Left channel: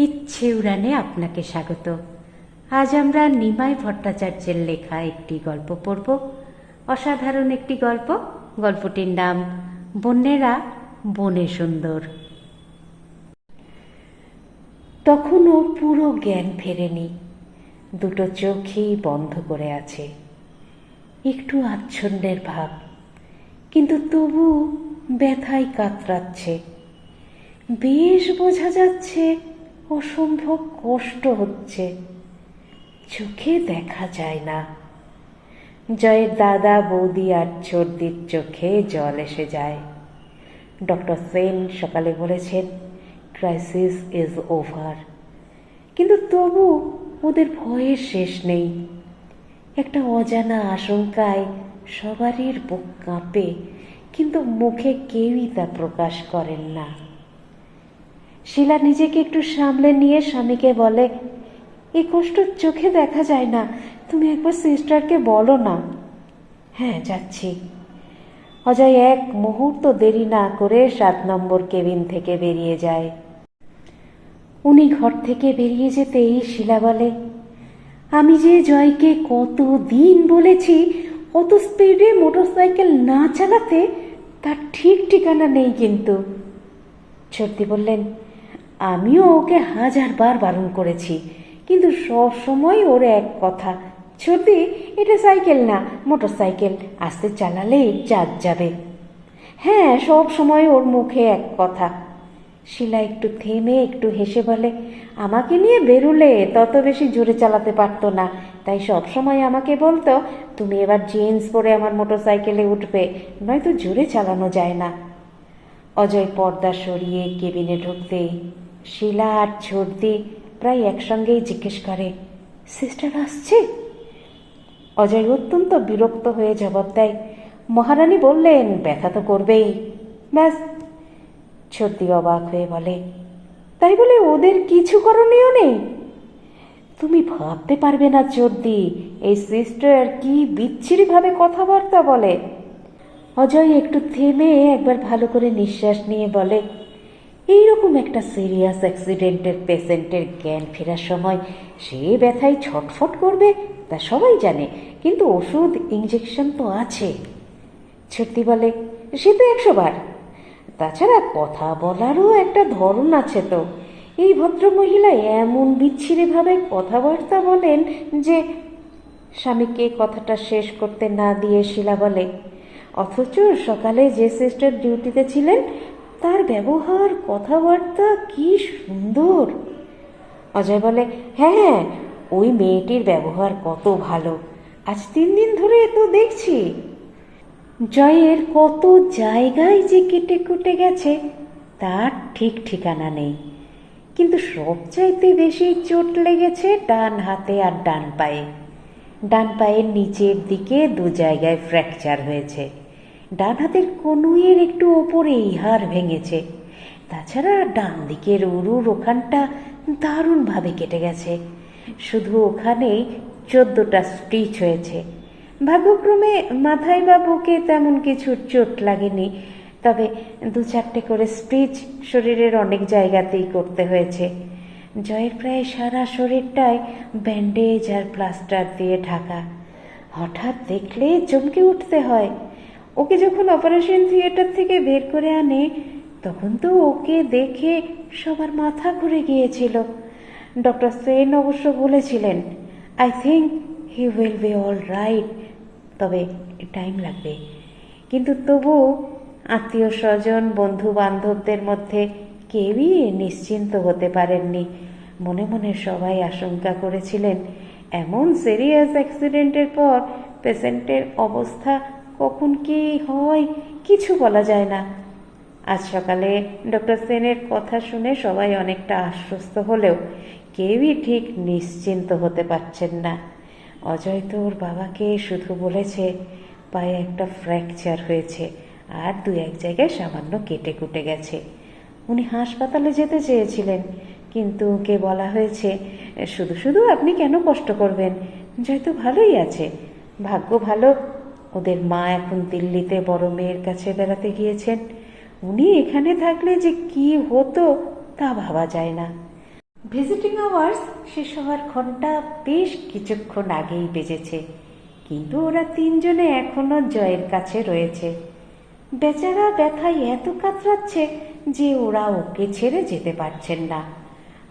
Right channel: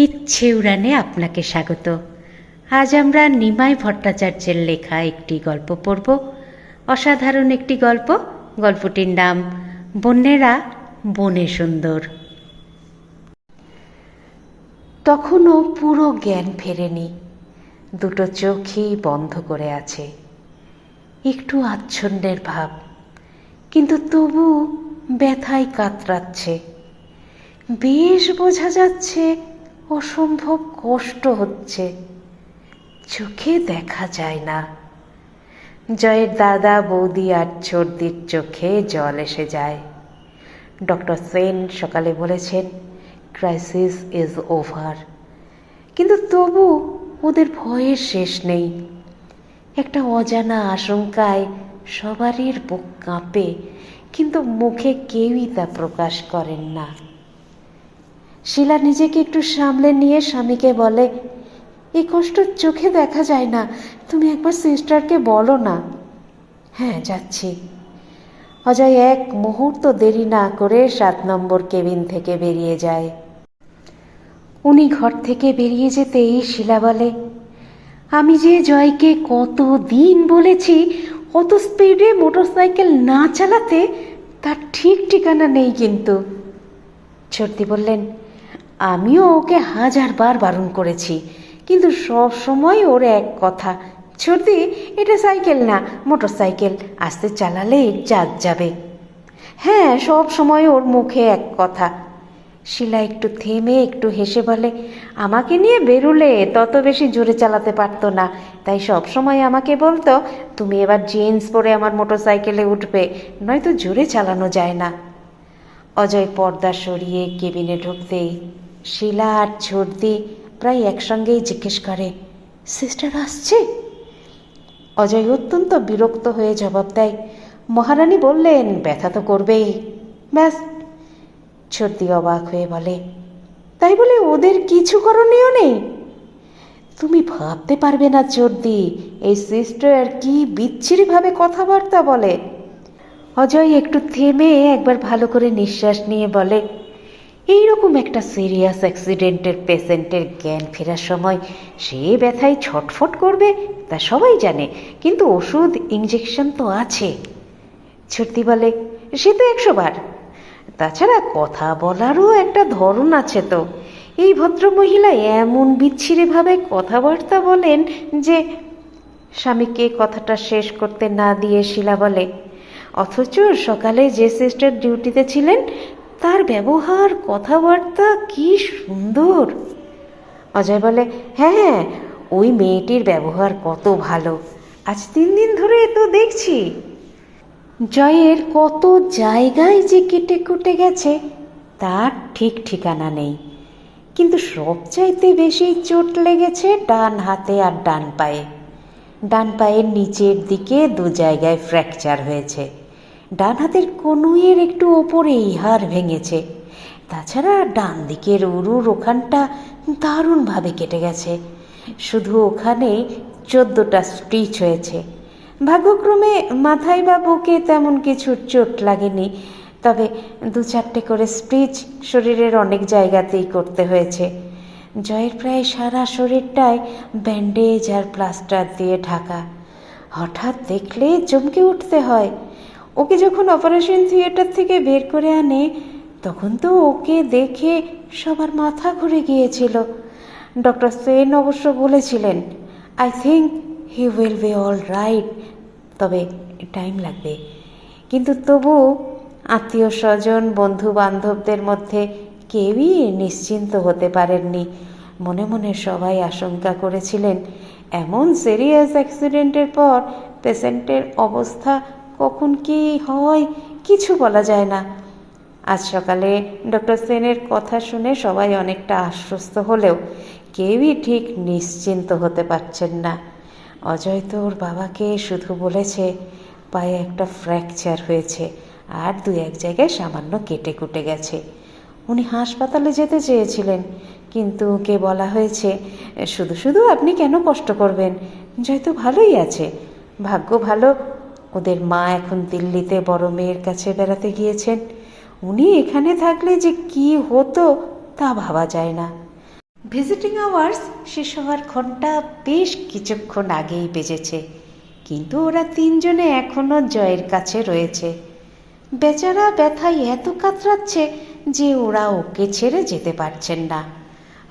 ইচ্ছে উড়ানে আপনাকে স্বাগত। আজ আমরা নিমাই ভট্টাচার্যের লেখা একটি গল্প পড়ব। অসাধারণ একটি গল্প। গল্পটির নাম, বন্যেরা, বনে সুন্দর। তখনও পুরো জ্ঞান ফেরেনি। দুটো চোখই বন্ধ করে আছে। একটু আচ্ছন্নের ভাব। কিন্তু তবু ব্যথায় কাতরাচ্ছে। বেশ বোঝা যাচ্ছে অসম্ভব কষ্ট হচ্ছে। চোখে দেখা যায় না। জয়ের দাদা বৌদি আর চর্দির চোখে জল এসে যায়। ডক্টর সেন সকালে বলেছেন ক্রাইসিস ইজ ওভার কিন্তু তবু ওদের ভয়ের শেষ নেই। একটা অজানা আশঙ্কায় সবারই বুক কাঁপে, কিন্তু মুখে কেউই তা প্রকাশ করেন না। শিলা নিজেকে একটু সামলে নিয়ে স্বামীকে বলে এই কষ্ট চোখে দেখা যায় না। তুমি একবার সিস্টারকে বলো না। হ্যাঁ যাচ্ছি। অজয় এক মুহূর্ত দেরি না করে সাত নম্বর কেবিন থেকে বেরিয়ে যায়। উনি ঘর থেকে বেরিয়ে যেতেই শিলা বলে, আমি যে জয়কে কত দিন বলেছি, অত স্পিডে মোটরসাইকেল না চালাতে তার ঠিক ঠিকানা নেই কিন্তু। ছর্দি বললেন আমিও ওকে হাজারবার বারণ করেছি। কিন্তু সব সময় ওর এক কথা, ছর্দি, এটা সাইকেল না মোটর সাইকেল আস্তে চালালে চাঁদ যাবে। হ্যাঁ সব সময় ওর মুখে এক কথা। শিলা একটু থেমে, একটু হেসে বলে, আমাকে নিয়ে বেরুলে তত বেশি জোরে চালাতে পারতো না। তাই সব সময় আমাকে বলতো, তুমি এবার জিন্স পরে আমার মোটর সাইকেলে উঠবে, নয়তো জোরে চালানো যায় না। অজয় পর্দা সরিয়ে কেবিনে ঢুকতেই শিলা আর ছর্দি প্রায় একসঙ্গেই জিজ্ঞেস করে সিস্টার আসছে? অজয় অত্যন্ত বিরক্ত হয়ে জবাব দেয়, মহারানী বললেন, ব্যথা তো করবেই। ব্যাস। ছর্দি অবাক হয়ে বলে, তাই বলে ওদের কিছু করণীয় নেই? তুমি ভাবতে পারবে না চর্দি এই সিস্টার কি বিচ্ছিরিভাবে কথাবার্তা বলে? অজয় একটু থেমে একবার ভালো করে নিঃশ্বাস নিয়ে বলে এইরকম একটা সিরিয়াস অ্যাক্সিডেন্টের পেশেন্টের জ্ঞান ফেরার সময় সে ব্যথায় ছটফট করবে, তা সবাই জানে, কিন্তু ওষুধ ইঞ্জেকশন তো আছে। ছর্দি বলে, সে তো একশো বার তাছাড়া কথা বলারও একটা ধরন আছে তো। এই ভদ্রমহিলা এমন বিচ্ছিরিভাবে কথাবার্তা বলেন যে, স্বামীকে কথাটা শেষ করতে না দিয়ে শিলা বলে, অথচ সকালে যে সিস্টার ডিউটিতে ছিলেন তার ব্যবহার, কথাবার্তা কি সুন্দর। অজয় বলে হ্যাঁ ওই মেয়েটির ব্যবহার কত ভালো। আজ তিন দিন ধরে তো দেখছি। জয়ের কত জায়গায় যে কেটে কুটে গেছে, তার ঠিক ঠিকানা নেই। কিন্তু সবচাইতে বেশি চোট লেগেছে ডান হাতে আর ডান পায়ে। ডান পায়ের নিচের দিকে দু জায়গায় ফ্র্যাকচার হয়েছে। ডান হাতের কনুইয়ের একটু ওপরেই হাড় ভেঙেছে। তাছাড়া ডান দিকের উরুর ওখানটা দারুণভাবে কেটে গেছে। শুধু ওখানেই চোদ্দোটা স্টিচ হয়েছে। ভাগ্যক্রমে মাথায় বা বুকে তেমন কিছু চোট লাগেনি, তবে দু চারটে করে স্পিচ শরীরের অনেক জায়গাতেই করতে হয়েছে। জয়ের প্রায় সারা শরীরটায় ব্যান্ডেজ আর প্লাস্টার দিয়ে ঢাকা। হঠাৎ দেখলে চমকে উঠতে হয়। ওকে যখন অপারেশন থিয়েটার থেকে বের করে আনে, তখন তো ওকে দেখে সবার মাথা ঘুরে গিয়েছিল। ডক্টর সেন অবশ্য বলেছিলেন I think he will be all right তবে টাইম লাগবে। কিন্তু তবু আত্মীয় স্বজন বন্ধু বান্ধবদের মধ্যে কেউই নিশ্চিন্ত হতে পারেননি। মনে মনে সবাই আশঙ্কা করেছিলেন, এমন সিরিয়াস অ্যাক্সিডেন্টের পর পেশেন্টের অবস্থা কখন কি হয় কিছু বলা যায় না। আজ সকালে ডক্টর সেনের কথা শুনে সবাই অনেকটা আশ্বস্ত হলেও কেউই ঠিক নিশ্চিন্ত হতে পারছেন না। অজয় তো ওর বাবাকে শুধু বলেছে, পায়ে একটা ফ্র্যাকচার হয়েছে আর দু এক জায়গায় সামান্য কেটে কুটে গেছে। উনি হাসপাতালে যেতে চেয়েছিলেন, কিন্তু ওকে বলা হয়েছে, শুধু শুধু আপনি কেন কষ্ট করবেন? জয় তো ভালোই আছে। ভাগ্য ভালো ওদের মা এখন দিল্লিতে বড় মেয়ের কাছে বেড়াতে গিয়েছেন। উনি এখানে থাকলে যে কি হতো তা ভাবা যায় না। ভিজিটিং আওয়ার্স শেষ হওয়ার ঘণ্টা বেশ কিছুক্ষণ আগেই বেজেছে। কিন্তু ওরা তিনজনে এখনও জয়ের কাছে রয়েছে। বেচারা ব্যথায় এত কাতরাচ্ছে যে ওরা ওকে ছেড়ে যেতে পারছেন না।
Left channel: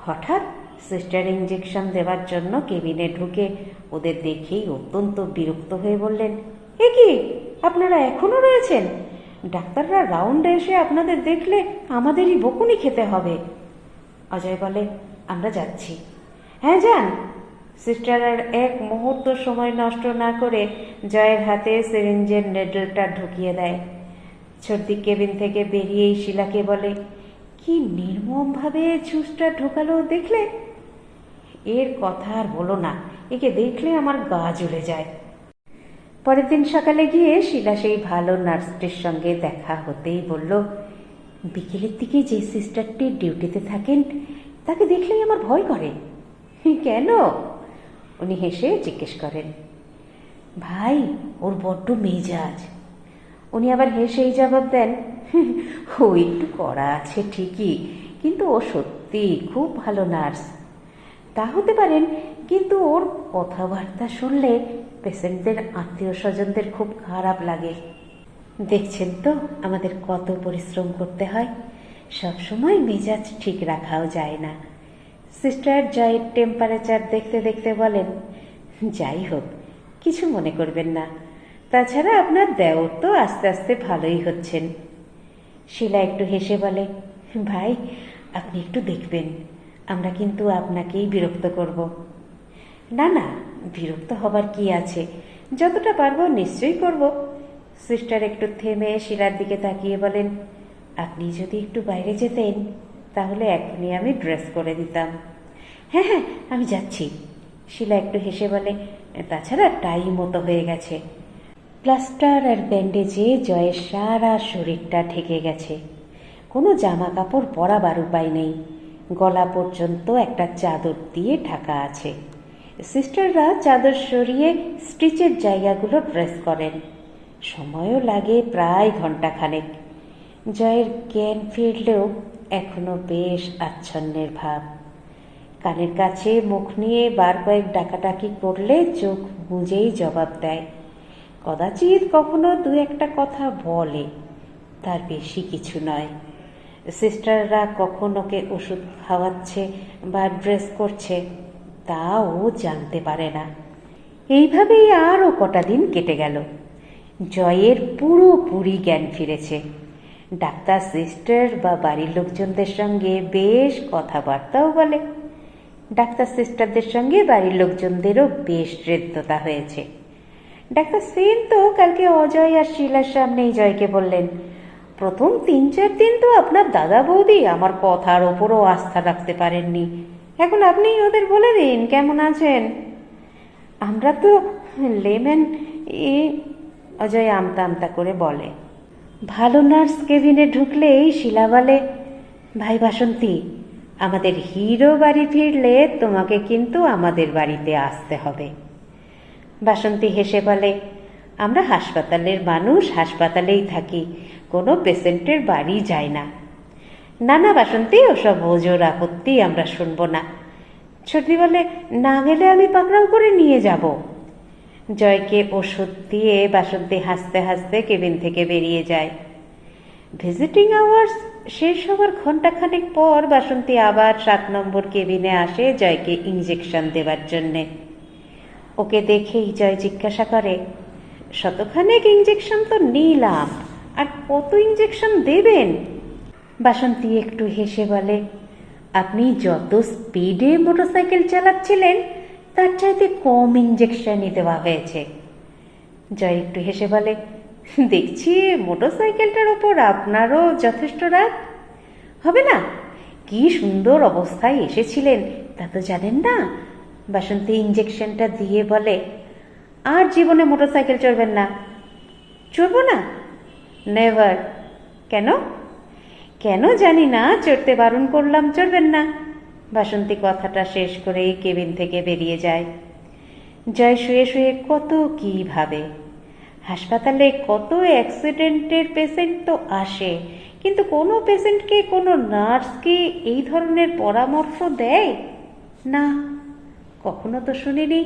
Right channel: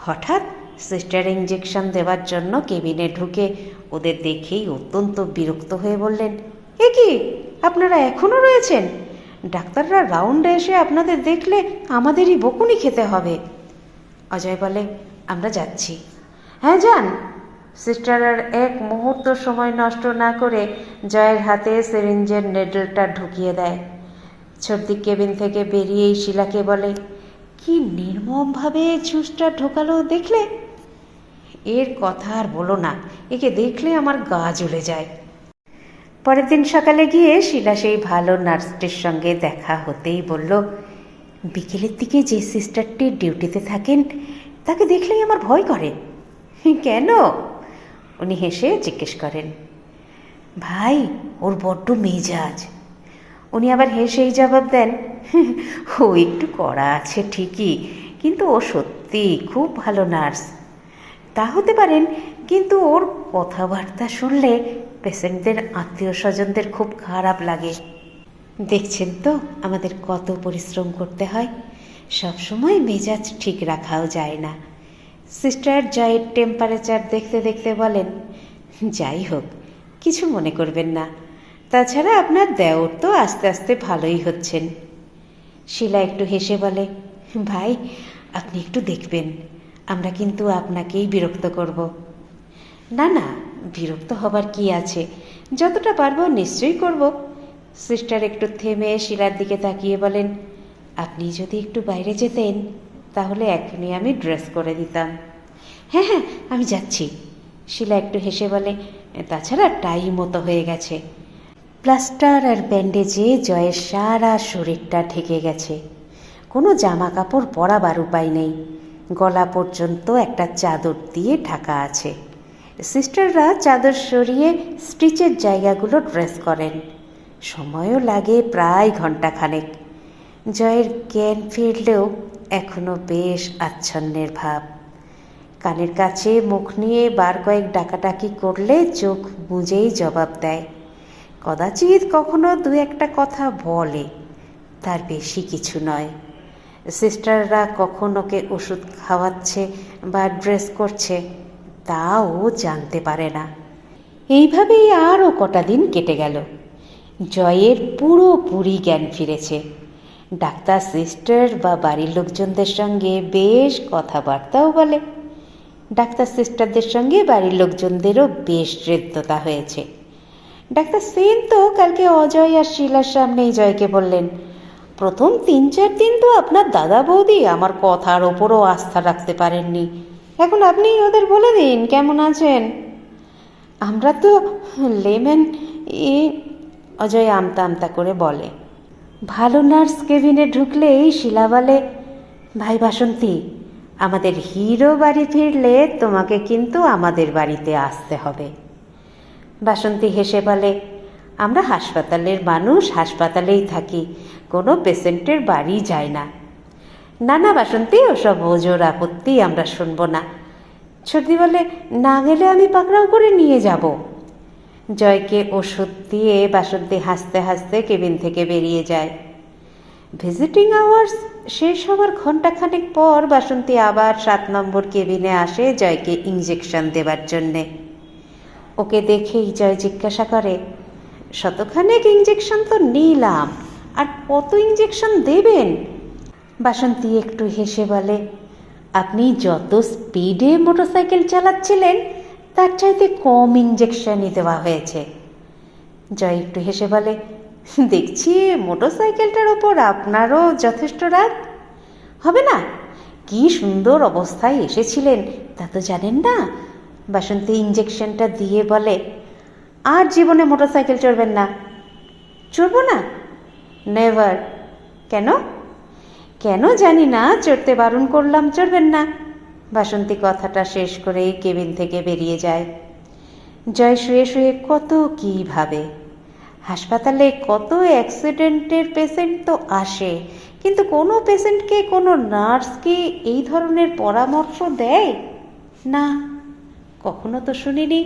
হঠাৎ সিস্টার ইঞ্জেকশন দেওয়ার জন্য কেবিনে ঢুকে ওদের দেখেই অত্যন্ত বিরক্ত হয়ে বললেন এ কি? আপনারা এখনও রয়েছেন? ডাক্তাররা রাউন্ডে এসে আপনাদের দেখলে আমাদেরই বকুনি খেতে হবে। অজয় বলে, আমরা যাচ্ছি। হ্যাঁ যান। সিস্টার আর এক মুহূর্ত সময় নষ্ট না করে জয়ের হাতে সিরিঞ্জের নেডলটা ঢুকিয়ে দেয়। সর্দি কেবিন থেকে বেরিয়েই শিলাকে বলে, কি নির্মমভাবে ছুঁচটা ঢোকালো দেখলে? এর কথা আর বলো না। একে দেখলে আমার গা জ্বলে যায়। পরের দিন সকালে গিয়ে শিলা সেই ভালো নার্সটির সঙ্গে দেখা হতেই বলল, বিকেলের দিকে যে সিস্টারটি ডিউটিতে থাকেন, তাকে দেখলেই আমার ভয় করে। কেন? উনি হেসে জিজ্ঞেস করেন, ভাই, ওর বড্ড মেজাজ। উনি আবার হেসেই জবাব দেন, ও একটু কড়া আছে ঠিকই, কিন্তু ও সত্যি খুব ভালো নার্স। তা হতে পারেন, কিন্তু ওর কথাবার্তা শুনলে পেশেন্টদের আত্মীয় স্বজনদের খুব খারাপ লাগে। দেখছেন তো, আমাদের কত পরিশ্রম করতে হয়। সবসময় মেজাজ ঠিক রাখাও যায় না। সিস্টার জয়ের টেম্পারেচার দেখতে দেখতে বলেন, যাই হোক, কিছু মনে করবেন না। তাছাড়া আপনার দেওর তো আস্তে আস্তে ভালোই হচ্ছেন। শিলা একটু হেসে বলে, ভাই, আপনি একটু দেখবেন। আমরা কিন্তু আপনাকেই বিরক্ত করব। না না বিরক্ত হবার কি আছে? যতটা পারব নিশ্চয়ই করব। সিস্টার একটু থেমে শিলার দিকে তাকিয়ে বলেন, আপনি যদি একটু বাইরে যেতেন, তাহলে এখনই আমি ড্রেস করে দিতাম। হ্যাঁ হ্যাঁ আমি যাচ্ছি। শিলা একটু হেসে বলে, তাছাড়া টাই মতো হয়ে গেছে। প্লাস্টার আর ব্যান্ডেজে জয়ের সারা শরীরটা ঢেকে গেছে। কোনো জামা কাপড় পরাবার উপায় নেই। গলা পর্যন্ত একটা চাদর দিয়ে ঢাকা আছে। সিস্টাররা চাদর সরিয়ে স্টিচের জায়গাগুলো ড্রেস করেন। সময়ও লাগে প্রায় ঘন্টাখানেক জয়ের জ্ঞান ফিরলেও এখনও বেশ আচ্ছন্নের ভাব। কানের কাছে মুখ নিয়ে বার কয়েক ডাকাডাকি করলে চোখ বুঝেই জবাব দেয়। কদাচিৎ কখনো দু একটা কথা বলে, তার বেশি কিছু নয়। সিস্টাররা কখন ওকে ওষুধ খাওয়াচ্ছে বা ড্রেস করছে তা ও জানতে পারে না। এইভাবেই আরও কটা দিন কেটে গেল। জয়ের পুরোপুরি জ্ঞান ফিরেছে। ডাক্তার, সিস্টার বা বাড়ির লোকজনদের সঙ্গে বেশ কথাবার্তাও বলে। ডাক্তার, সিস্টারদের সঙ্গে বাড়ির লোকজনদেরও বেশ হৃদ্যতা হয়েছে। ডাক্তার সেন তো কালকে অজয় আর শিলার সামনেই জয়কে বললেন, প্রথম তিন চার দিন তো আপনার দাদা বৌদি আমার কথার ওপরও আস্থা রাখতে পারেননি। এখন আপনি ওদের বলে দিন, কেমন আছেন? আমরা তো লেমেন এ অজয় আমতা আমতা করে বলে। ভালো নার্স কেবিনে ঢুকলেই শিলা বলে, ভাই বাসন্তী, আমাদের হিরো বাড়ি ফিরলে তোমাকে কিন্তু আমাদের বাড়িতে আসতে হবে। বাসন্তী হেসে বলে, আমরা হাসপাতালের মানুষ, হাসপাতালেই থাকি, কোনো পেশেন্টের বাড়ি যায় না। না না বাসন্তী ওসব ওজোর আপত্তি আমরা শুনব না। সর্দি বলে, না গেলে আমি পাকড়াও করে নিয়ে যাব। জয়কে ওষুধ দিয়ে বাসন্তী হাসতে হাসতে কেবিন থেকে বেরিয়ে যায়। ভিজিটিং আওয়ার্স শেষ হওয়ার ঘন্টাখানেক পর বাসন্তী আবার সাত নম্বর কেবিনে আসে জয়কে ইঞ্জেকশন দেবার জন্যে। ওকে দেখেই জয় জিজ্ঞাসা করে, শতখানেক ইঞ্জেকশন তো নিলাম, আর কত ইঞ্জেকশন দেবেন? বাসন্তী একটু হেসে বলে, আপনি যত স্পিডে মোটরসাইকেল চালাচ্ছিলেন, তার চাইতে কম ইঞ্জেকশনই দেওয়া হয়েছে। জয় একটু হেসে বলে, দেখছি মোটরসাইকেলটার ওপর আপনারও যথেষ্ট রাগ। হবে না? কি সুন্দর অবস্থায় এসেছিলেন, তা তো জানেন না? বাসন্তী ইঞ্জেকশনটা দিয়ে বলে, আর জীবনে মোটরসাইকেল চড়বেন না। চড়বো না? নেভার কেন? কেন জানি না, চড়তে বারণ করলাম, চড়বেন না। বাসন্তী কথাটা শেষ করেই কেবিন থেকে বেরিয়ে যায়। জয় শুয়ে শুয়ে কত কী ভাবে। হাসপাতালে কত অ্যাক্সিডেন্টের পেশেন্ট তো আসে, কিন্তু কোনো পেশেন্টকে, কোনো নার্সকে এই ধরনের পরামর্শ দেয়? না, কখনো তো শুনিনি।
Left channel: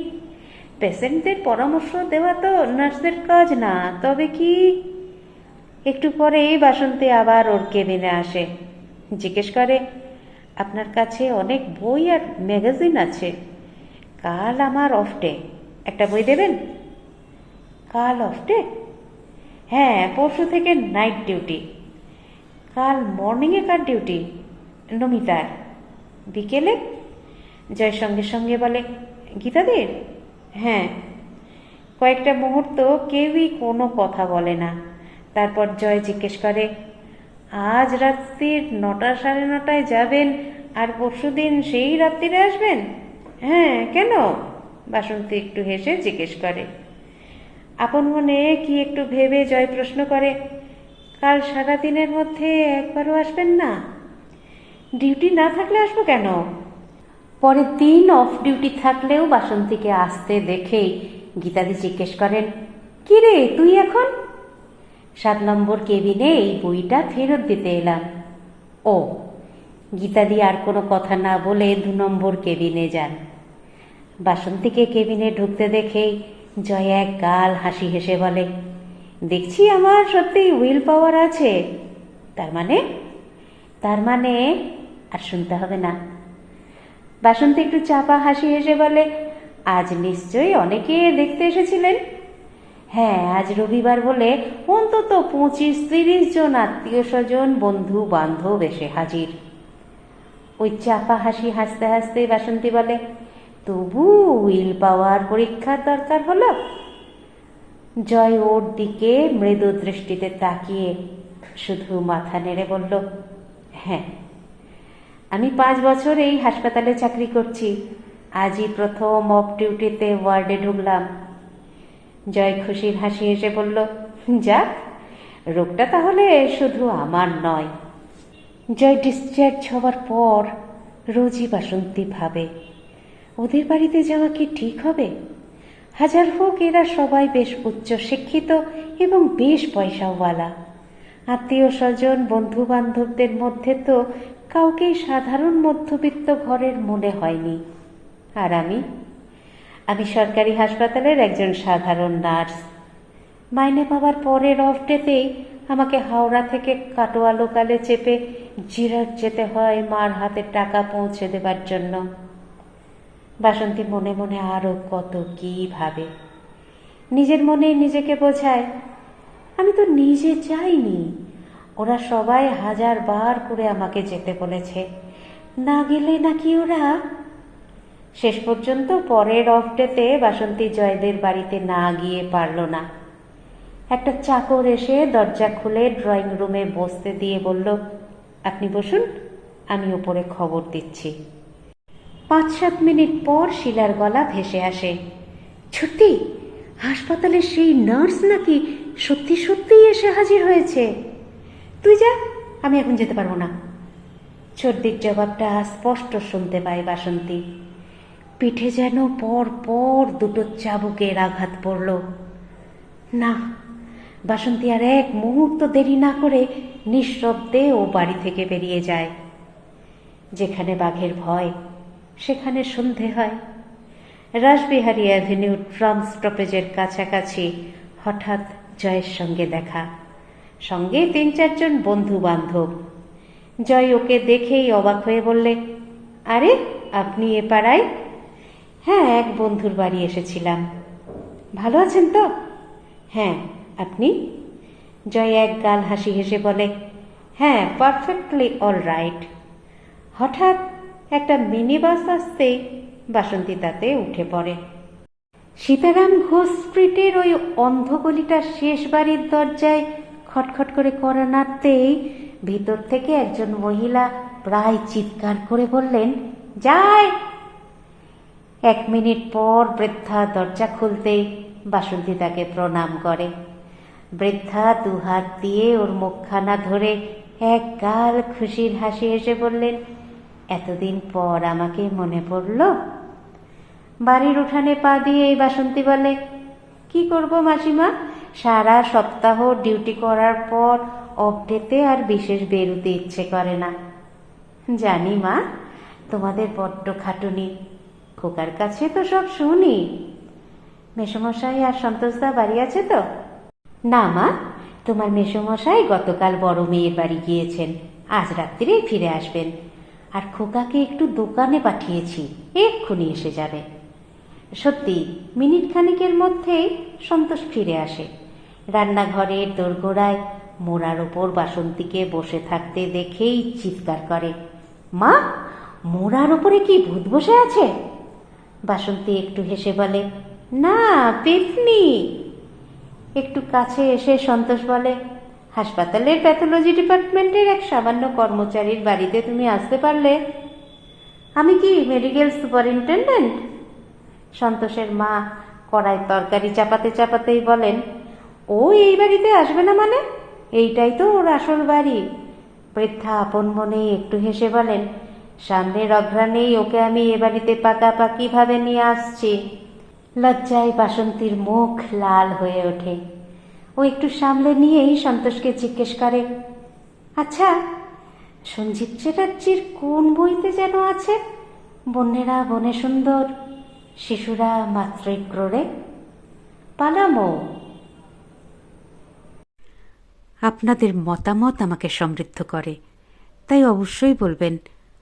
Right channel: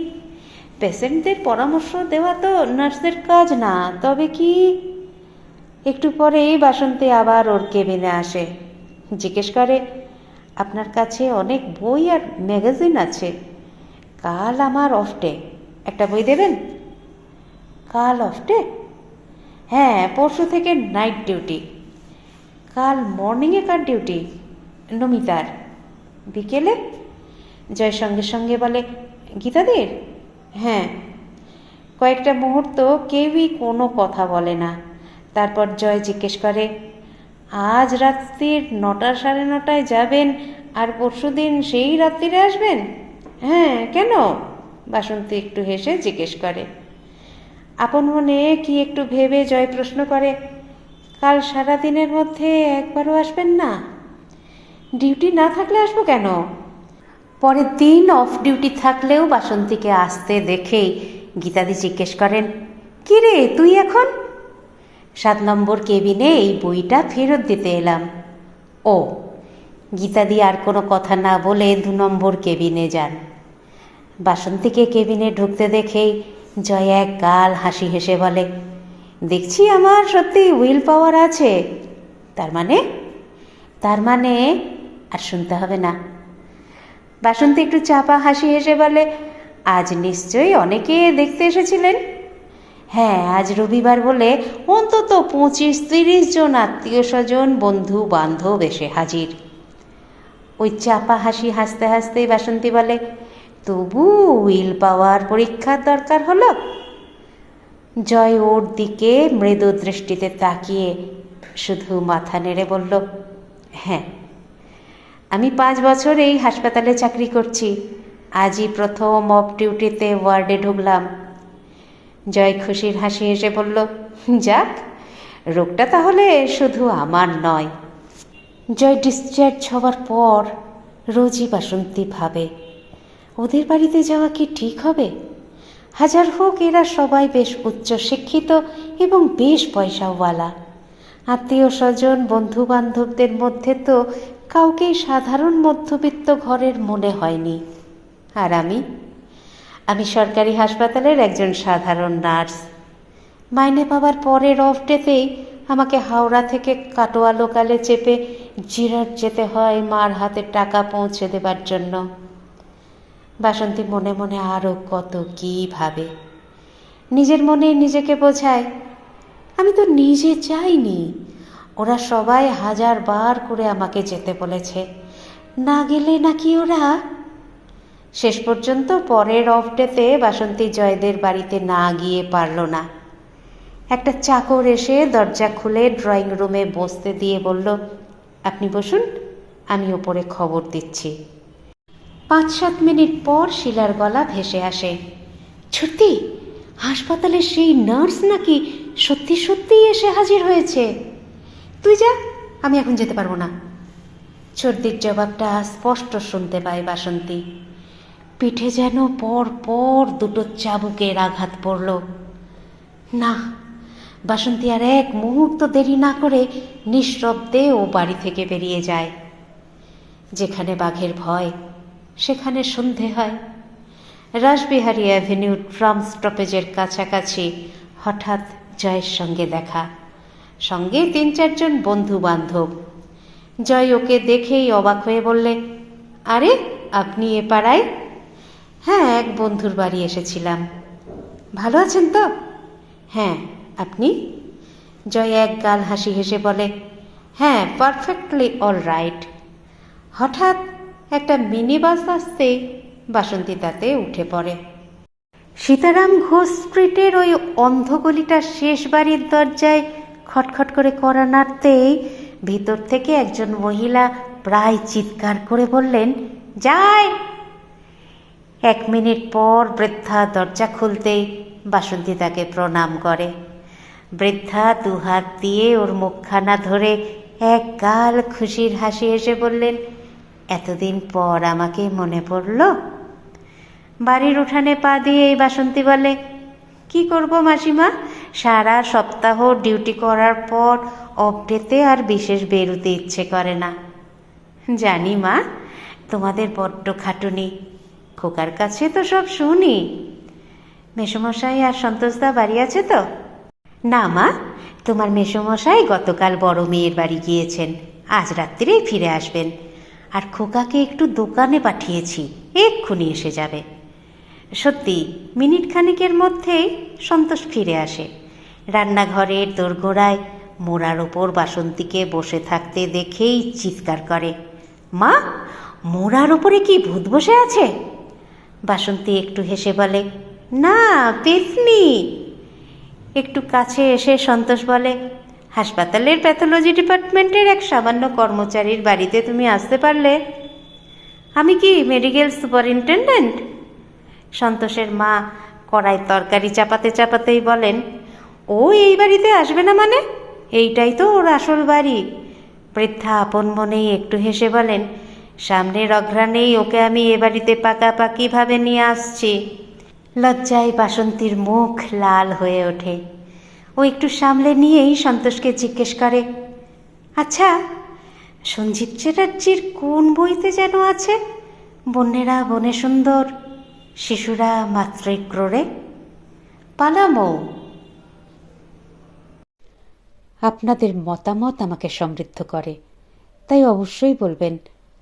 পেশেন্টদের পরামর্শ দেওয়া তো নার্সের কাজ না, তবে কি একটু পরেই বাসন্তী আবার ওর কেবিনে আসে। জিজ্ঞেস করে, আপনার কাছে অনেক বই আর ম্যাগাজিন আছে। কাল আমার অফ ডে একটা বই দেবেন? কাল অফ ডে হ্যাঁ পরশু থেকে নাইট ডিউটি কাল মর্নিংয়ে কার ডিউটি নমিতার। বিকেলে? জয় সঙ্গে সঙ্গে বলে, গীতাদের? হ্যাঁ। কয়েকটা মুহূর্ত কেউই কোনো কথা বলে না। তারপর জয় জিজ্ঞেস করে, আজ রাত্রির নটা সাড়ে নটায় যাবেন আর পরশু দিন সেই রাত্রিরে আসবেন? হ্যাঁ কেন? বাসন্তী একটু হেসে জিজ্ঞেস করে। আপন মনে কি একটু ভেবে জয় প্রশ্ন করে, কাল সারা দিনের মধ্যে একবারও আসবেন না? ডিউটি না থাকলে আসব কেন? পরের দিন অফ ডিউটি থাকলেও বাসন্তীকে আসতে দেখেই গীতাদি জিজ্ঞেস করেন, কি রে, তুই এখন? সাত নম্বর কেবিনে এই বইটা ফেরত দিতে এলাম। ও গীতাদি আর কোনো কথা না বলে দু নম্বর কেবিনে যান। বাসন্তীকে কেবিনে ঢুকতে দেখেই জয় এক গাল হাসি হেসে বলে, দেখছি আমার সত্যি উইল পাওয়ার আছে। তার মানে? তার মানে আর শুনতে হবে না। বাসন্তী একটু চাপা হাসি হেসে বলে, আজ নিশ্চয়ই অনেকে দেখতে এসেছিলেন। হ্যাঁ আজ রবিবার বলে অন্তত পঁচিশ তিরিশ জন আত্মীয় স্বজন, বন্ধু, বান্ধব এসে হাজির। ওই চাপা হাসি হাসতে হাসতে বাসন্তী বলে, তবু উইল পাওয়ার পরীক্ষার দরকার হলো? জয় ওর দিকে মৃদু দৃষ্টিতে তাকিয়ে শুধু মাথা নেড়ে বলল হ্যাঁ আমি পাঁচ বছর এই হাসপাতালে চাকরি করছি। আজই প্রথম অফ ডিউটিতে ওয়ার্ডে ঢুকলাম। জয় খুশির হাসি এসে বলল, যাক, রোগটা তাহলে শুধু আমার নয়। জয় ডিসচার্জ হওয়ার পর রোজই বাসন্তী ভাবে। ওদের বাড়িতে যাওয়া কি ঠিক হবে? হাজার হোক এরা সবাই বেশ উচ্চ শিক্ষিত এবং বেশ পয়সাওয়ালা। আত্মীয় স্বজন বন্ধু বান্ধবদের মধ্যে তো কাউকেই সাধারণ মধ্যবিত্ত ঘরের মনে হয়নি। আর আমি আমি সরকারি হাসপাতালের একজন সাধারণ নার্স। মাইনে পাওয়ার পরের অফ ডেতেই আমাকে হাওড়া থেকে কাটোয়া লোকালে চেপে জিরাট যেতে হয় মার হাতে টাকা পৌঁছে দেবার জন্য। বাসন্তী মনে মনে আরও কত কী ভাবে। নিজের মনে নিজেকে বোঝায়, আমি তো নিজে চাইনি। ওরা সবাই হাজার বার করে আমাকে যেতে বলেছে। না গেলে নাকি ওরা শেষ পর্যন্ত পরের অফ ডেতে বাসন্তী জয়দের বাড়িতে না গিয়ে পারল না। একটা চাকর এসে দরজা খুলে ড্রয়িং রুমে বসতে দিয়ে বলল, আপনি বসুন, আমি ওপরে খবর দিচ্ছি। পাঁচ সাত মিনিট পর শিলার গলা ভেসে আসে। সত্যি? হাসপাতালের সেই নার্স নাকি সত্যি সত্যিই এসে হাজির হয়েছে? তুই যা, আমি এখন যেতে পারব না। সর্দির জবাবটা স্পষ্ট শুনতে পায় বাসন্তী। পিঠে যেন পর পর দুটো চাবুকের আঘাত পড়ল। না, বাসন্তী আর এক মুহূর্ত দেরি না করে নিঃশব্দে ও বাড়ি থেকে বেরিয়ে যায়। যেখানে বাঘের ভয়, সেখানে সন্ধে হয়। রাসবিহারী অ্যাভিনিউ ট্রাম স্টপেজের কাছাকাছি হঠাৎ জয়ের সঙ্গে দেখা। সঙ্গে তিন চারজন বন্ধু বান্ধব জয় ওকে দেখেই অবাক হয়ে বললে, আরে, আপনি এ পাড়ায়? হ্যাঁ এক বন্ধুর বাড়ি এসেছিলাম। ভালো আছেন তো? হ্যাঁ আপনি? জয় এক গাল হাসি হেসে বলে হ্যাঁ পারফেক্টলি অল রাইট হঠাৎ একটা মিনি বাস আসতেই বাসন্তী তাতে উঠে পড়ে। সীতারাম ঘোষ স্ট্রিটের ওই অন্ধগলিটার শেষ বাড়ির দরজায় খটখট করে করা নাড়তেই ভিতর থেকে একজন মহিলা প্রায় চিৎকার করে বললেন, যাই এক মিনিট পর বৃদ্ধা দরজা খুলতেই বাসন্তী তাকে প্রণাম করে। বৃদ্ধা দুহাত দিয়ে ওর মুখখানা ধরে এক গাল খুশির হাসি এসে বললেন, এতদিন পর আমাকে মনে পড়ল? বাড়ির উঠানে পা দিয়ে এই বাসন্তী বলে, কি করব মাসিমা? সারা সপ্তাহ ডিউটি করার পর অপডেতে আর বিশেষ বেরুতে ইচ্ছে করে না। জানি মা, তোমাদের বড্ড খাটুনি। খোকার কাছে তো সব শুনি। মেসমশাই আর সন্তোষদা বাড়ি আছে তো? না মা, তোমার মেসমশাই গতকাল বড় মেয়ের বাড়ি গিয়েছেন, আজ রাত্রিরেই ফিরে আসবেন। আর খোকাকে একটু দোকানে পাঠিয়েছি, এক্ষুনি এসে যাবে। সত্যি, মিনিট খানেকের মধ্যেই সন্তোষ ফিরে আসে। রান্নাঘরের দোরগোড়ায় মোড়ার ওপর বাসন্তীকে বসে থাকতে দেখেই চিৎকার করে। মা, মোড়ার ওপরে কি ভূত বসে আছে? বাসন্তী একটু হেসে বলে, না পেতনি একটু কাছে এসে সন্তোষ বলে, হাসপাতালের প্যাথোলজি ডিপার্টমেন্টের এক সামান্য কর্মচারীর বাড়িতে তুমি আসতে পারলে। আমি কি মেডিকেল সুপারিনটেন্ডেন্ট? সন্তোষের মা কড়াই তরকারি চাপাতে চাপাতেই বলেন, ও এই বাড়িতে আসবে না মানে? এইটাই তো ওর আসল বাড়ি। বৃদ্ধা আপন মনেই একটু হেসে বলেন সামনের অঘ্রাণেই ওকে আমি এ বাড়িতে পাকাপাকিভাবে নিয়ে আসছি। লজ্জায় বাসন্তীর মুখ লাল হয়ে ওঠে। ও একটু সামলে নিয়েই সন্তোষকে জিজ্ঞেস করে আচ্ছা সঞ্জীব চ্যাটার্জির কোন বইতে যেন আছে? বন্যেরা বনে সুন্দর, শিশুরা মাত্রই ক্রোড়ে? পালামো। আপনাদের মতামত আমাকে সমৃদ্ধ করে, তাই অবশ্যই বলবেন